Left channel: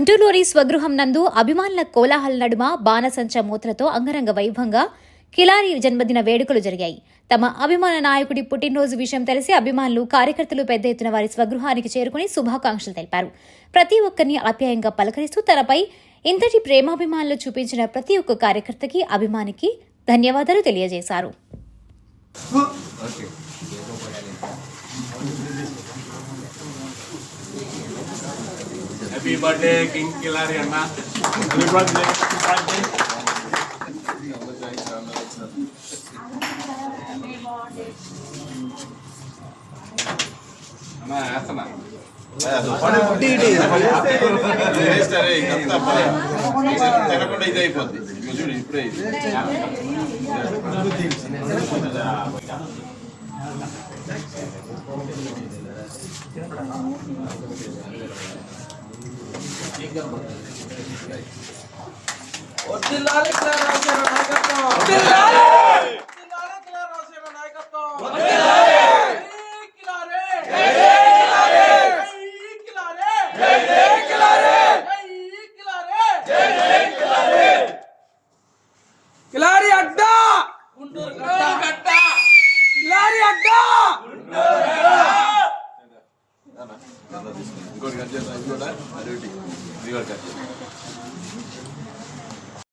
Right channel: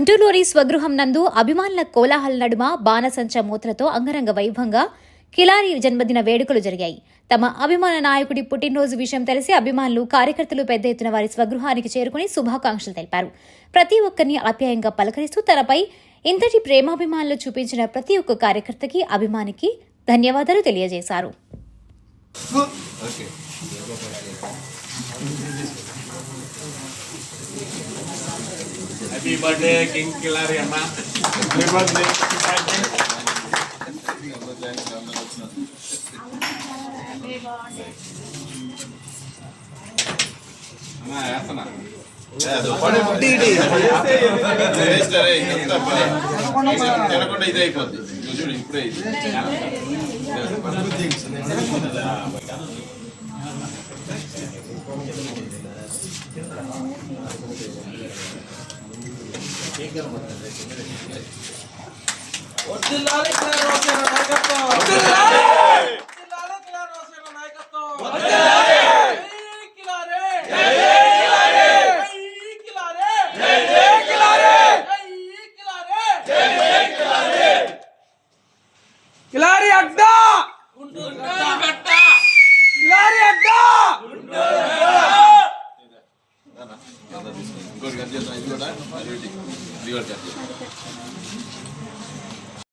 గుంటూరులోని స్వగృహం నందు అభిమానుల కోలాహల నడుమ బాణసంచ మూతలతో అంగరంగ వైభవంగా కిలారి జన్మదిన వేడుకలు జరిగాయి. తమ అభిమాన నాయకుడి పుట్టినరోజు విషయం తెలిసి అభిమానులు, కార్యకర్తలు పెద్ద ఎత్తున వారి స్వగృహానికి చేరుకుని శుభాకాంక్షలు తెలిపారు. ప్రతి ఒక్కరిని ఆప్యాయంగా పలకరిస్తూ తనపై ఇంతటి ప్రేమాభిమానులు చూపించిన ప్రతి ఒక్క కార్యకర్తకి, అభిమానికి ధన్యవాదాలు తెలియజేశారు. Happy birthday, King Kilari Amma. Happy birthday. Amma, asana. తినకుండా ఇది అయిపోద్ది చూడు ఇప్పుడే వదిలాలి